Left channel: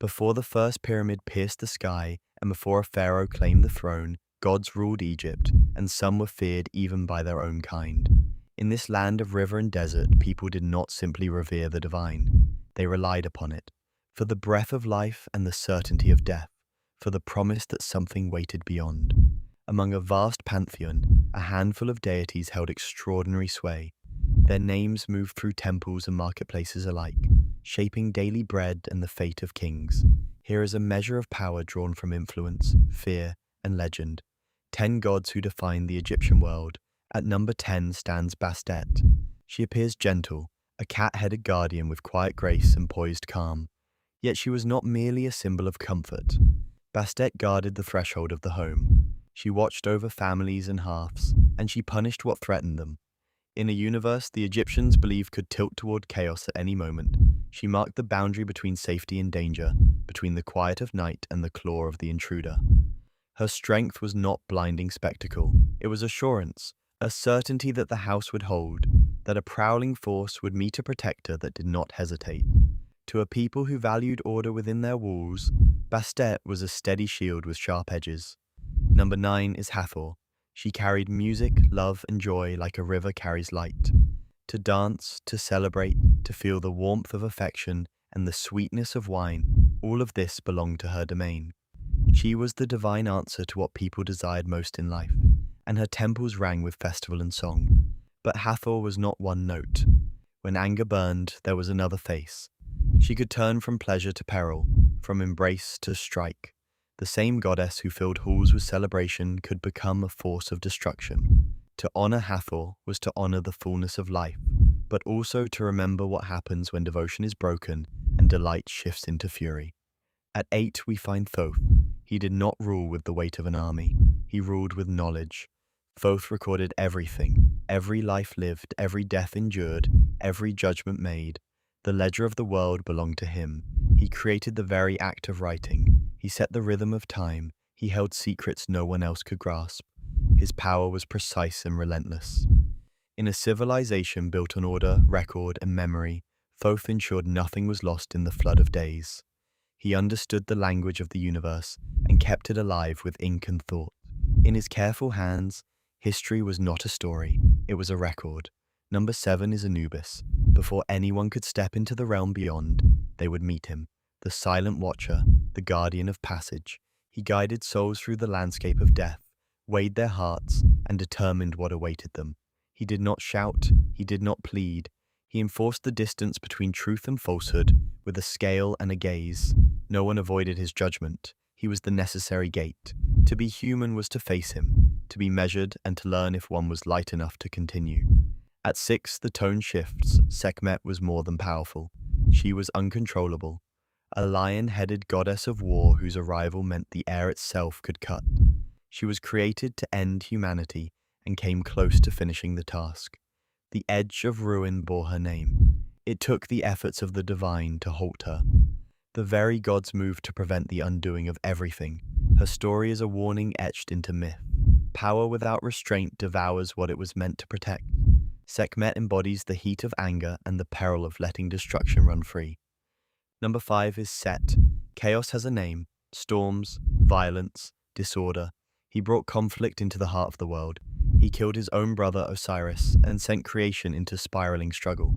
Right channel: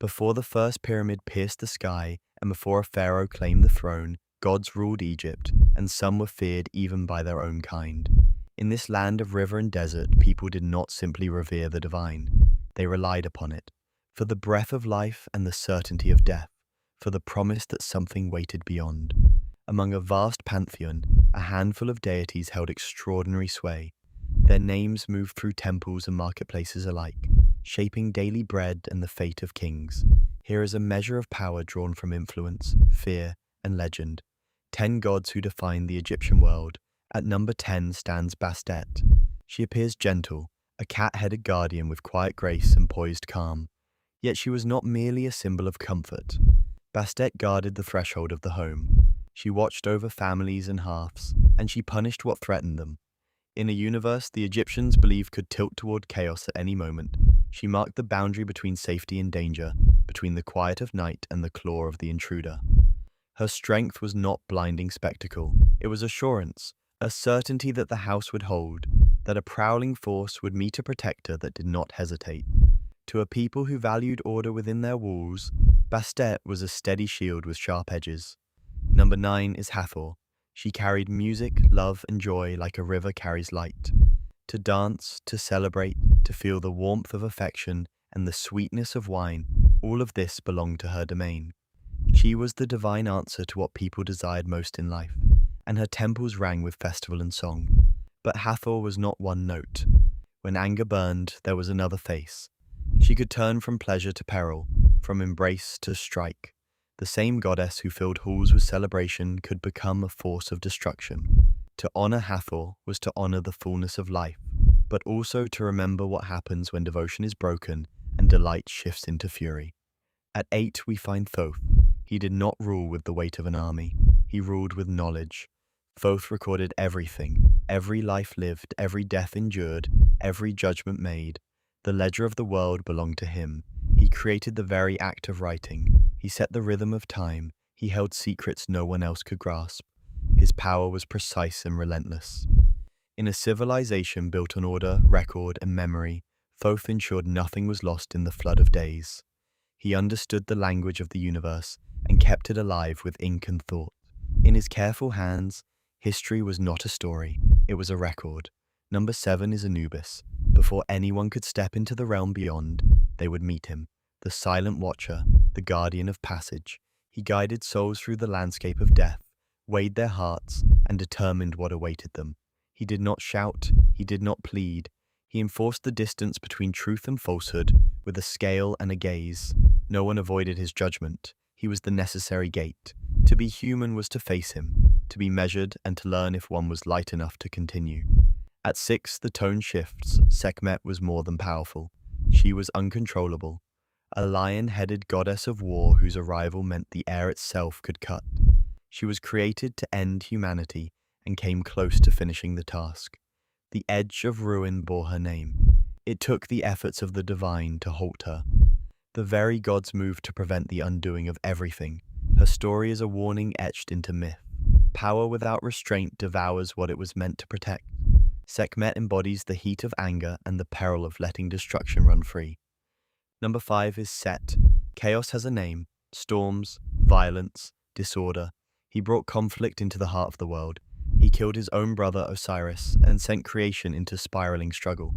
Before the first pyramid pierced the sky, and before a pharaoh claimed the throne, gods ruled Egypt, and some were feared even by their own kind. In this land of river and desert, people did not simply revere the divine. They relied upon it, for the breath of life and the certainty of death, for the promise that something waited beyond. Among a vast pantheon, a handful of deities held extraordinary sway. Their names moved through temples and marketplaces alike, shaping daily bread and the fate of kings. Here is a measure of power drawn from influence, fear, and legend. 10 gods who defined the Egyptian world. At number 10 stands Bastet. She appears gentle, a cat-headed guardian with quiet grace and poised calm. Yet she was not merely a symbol of comfort. Bastet guarded the threshold of the home. She watched over families and hearths, and she punished what threatened them. In a universe the Egyptians believed could tilt toward chaos at any moment, she marked the boundary between safety and danger, between the quiet of night and the claw of the intruder. Her strength was not blinding spectacle, it was assurance, a certainty that the house would hold, that a prowling force would meet a protector that did not hesitate. To a people who valued order within their walls, Bastet was a steady shield with sharp edges. Number 9 is Hathor. She carried music, love, and joy like a river carries light. To dance, to celebrate, to feel the warmth of affection and the sweetness of wine, all of this belonged to her domain. She was the divine answer to what people desired most in life, and her temples rang with festival and song. But Hathor was not one note. When anger burned, there was another face. She could turn from pleasure to peril, from embrace to strike. The same goddess who filled halls with celebration could become a force of destruction. To honor Hathor was to honor the fullness of life, but also to remember what happens when devotion is broken and delight shifts into fury. At 8 we find Thoth. He did not rule with the weight of an army. He ruled with knowledge. Thoth recorded everything, every life lived, every death endured, every judgment made. The ledger of the world belonged to him. He created the very act of writing. He set the rhythm of time. He held secrets no one else could grasp. His power was precise and relentless. In a civilization built on order, record, and memory, Thoth ensured nothing was lost in the flood of days. He understood the language of the universe and kept it alive with ink and thought. In his careful hands, history was not a story, it was a record. Number 7 is Anubis. Before anyone could step into the realm beyond, they would meet him, the silent watcher, the guardian of passage. He guided souls through the landscape of death, weighed their hearts, and determined what awaited them. He did not shout, he did not plead. He enforced the distance between truth and falsehood with a scale and a gaze. No one avoided his judgment. He was the necessary gate. To be human was to face him, to be measured and to learn if one was light enough to continue. At 6, the tone shifts. Sekhmet was more than powerful. She was uncontrollable. A lion-headed goddess of war whose arrival meant the air itself could cut. She was created to end humanity and came close to finishing the task. The edge of ruin bore her name. It took the efforts of the divine to halt her. The very gods moved to prevent the undoing of everything. Her story is a warning etched into myth. Power without restraint devours what it was meant to protect. Sekhmet embodies the heat of anger and the peril of letting destruction run free. Number 5 is Set. Chaos has a name: storms, violence, disorder. He brought conflict into the heart of the world. He killed his own brother Osiris and sent creation into spiraling struggle.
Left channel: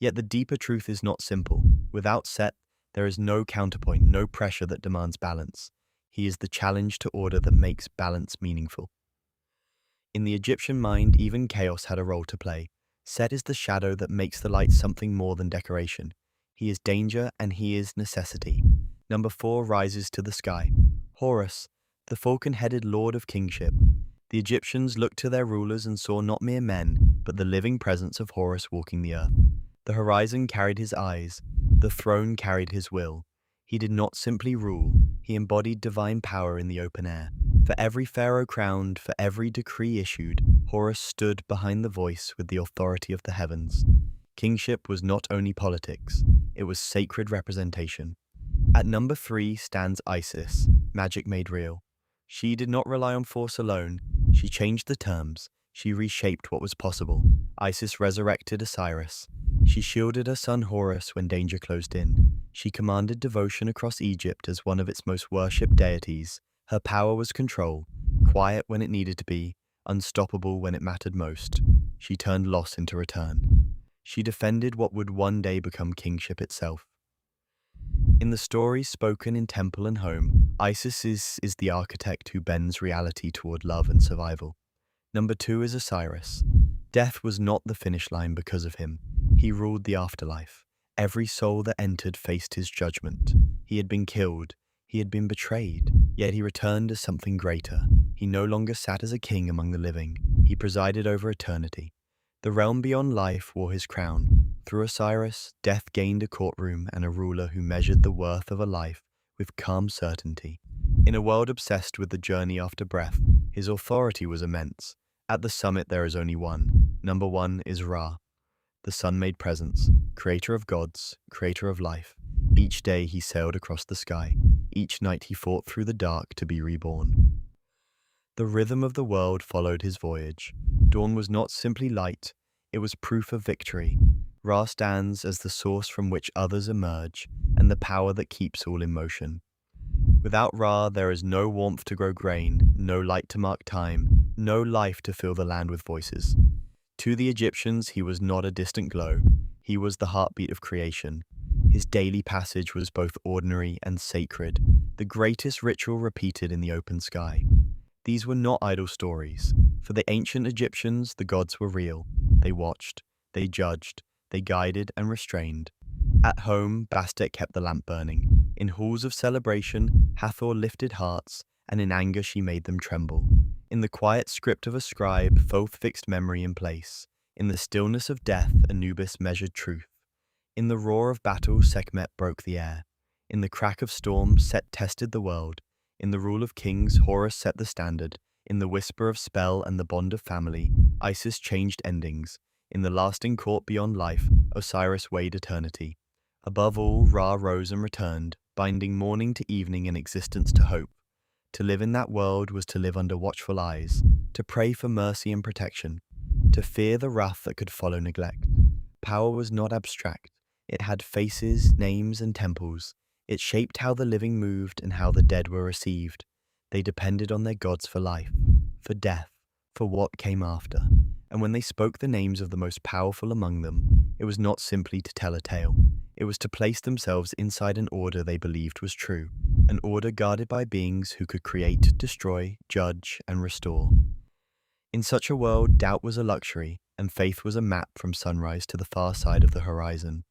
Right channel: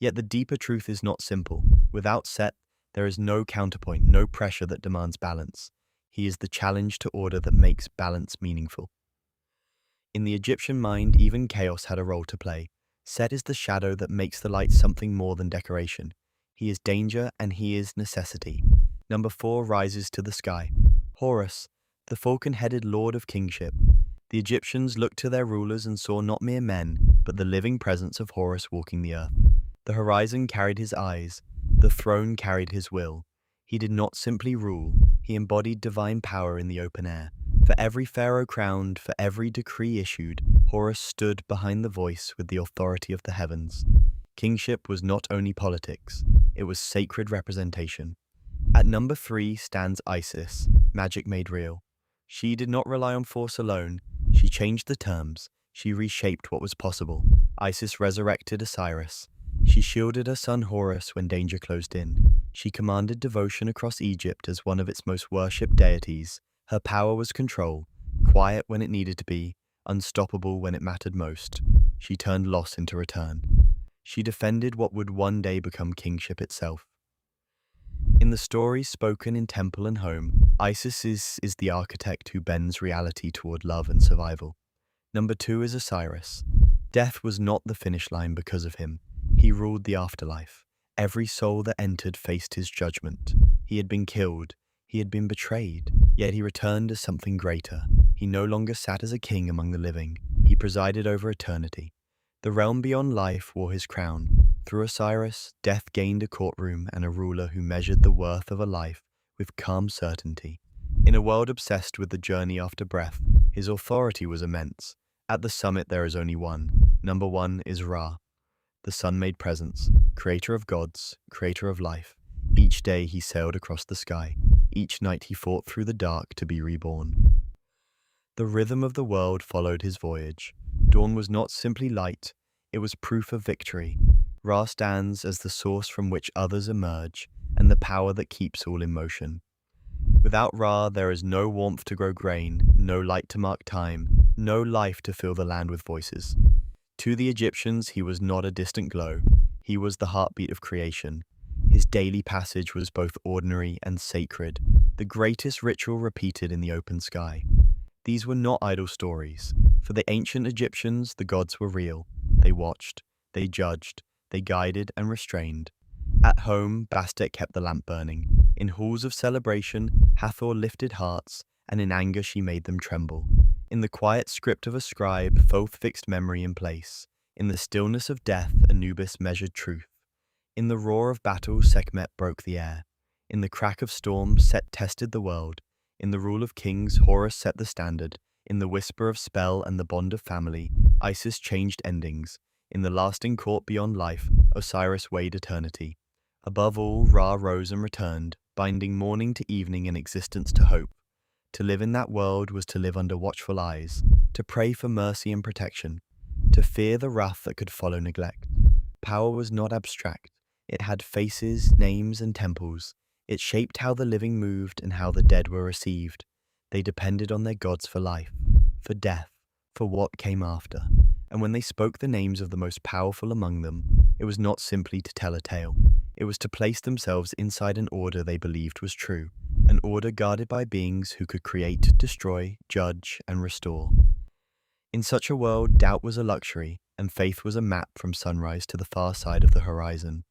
Yet the deeper truth is not simple. Without Set, there is no counterpoint, no pressure that demands balance. He is the challenge to order that makes balance meaningful. In the Egyptian mind, even chaos had a role to play. Set is the shadow that makes the light something more than decoration. He is danger and he is necessity. Number 4 rises to the sky. Horus, the falcon-headed lord of kingship. The Egyptians looked to their rulers and saw not mere men, but the living presence of Horus walking the earth. The horizon carried his eyes, the throne carried his will. He did not simply rule, he embodied divine power in the open air. For every pharaoh crowned, for every decree issued, Horus stood behind the voice with the authority of the heavens. Kingship was not only politics, it was sacred representation. At number 3 stands Isis, magic made real. She did not rely on force alone, she changed the terms, she reshaped what was possible. Isis resurrected Osiris. She shielded her son Horus when danger closed in. She commanded devotion across Egypt as one of its most worshipped deities. Her power was control, quiet when it needed to be, unstoppable when it mattered most. She turned loss into return. She defended what would one day become kingship itself. In the stories spoken in temple and home, Isis is the architect who bends reality toward love and survival. Number 2 is Osiris. Death was not the finish line because of him. He ruled the afterlife. Every soul that entered faced his judgment. He had been killed. He had been betrayed. Yet he returned as something greater. He no longer sat as a king among the living. He presided over eternity. The realm beyond life wore his crown. Through Osiris, death gained a courtroom and a ruler who measured the worth of a life with calm certainty. In a world obsessed with the journey after breath, his authority was immense. At the summit there is only one. Number 1 is Ra, the sun-made presence, creator of gods, creator of life. Each day he sailed across the sky. Each night he fought through the dark to be reborn. The rhythm of the world followed his voyage. Dawn was not simply light, it was proof of victory. Ra stands as the source from which others emerge, and the power that keeps all in motion. Without Ra, there is no warmth to grow grain, no light to mark time, no life to fill the land with voices. To the Egyptians, he was not a distant glow. He was the heartbeat of creation. His daily passage was both ordinary and sacred, the greatest ritual repeated in the open sky. These were not idle stories. For the ancient Egyptians, the gods were real. They watched, they judged, they guided and restrained. At home, Bastet kept the lamp burning. In halls of celebration, Hathor lifted hearts, and in anger she made them tremble. In the quiet script of a scribe, Thoth fixed memory in place. In the stillness of death, Anubis measured truth. In the roar of battle, Sekhmet broke the air. In the crack of storm, Set tested the world. In the rule of kings, Horus set the standard. In the whisper of spell and the bond of family, Isis changed endings. In the lasting court beyond life, Osiris weighed eternity. Above all, Ra rose and returned, binding morning to evening and existence to hope. To live in that world was to live under watchful eyes, to pray for mercy and protection, to fear the wrath that could follow neglect. Power was not abstract. It had faces, names, and temples. It shaped how the living moved and how the dead were received. They depended on their gods for life, for death, for what came after. And when they spoke the names of the most powerful among them, it was not simply to tell a tale. It was to place themselves inside an order they believed was true, an order guarded by beings who could create, destroy, judge, and restore. In such a world, doubt was a luxury, and faith was a map from sunrise to the far side of the horizon.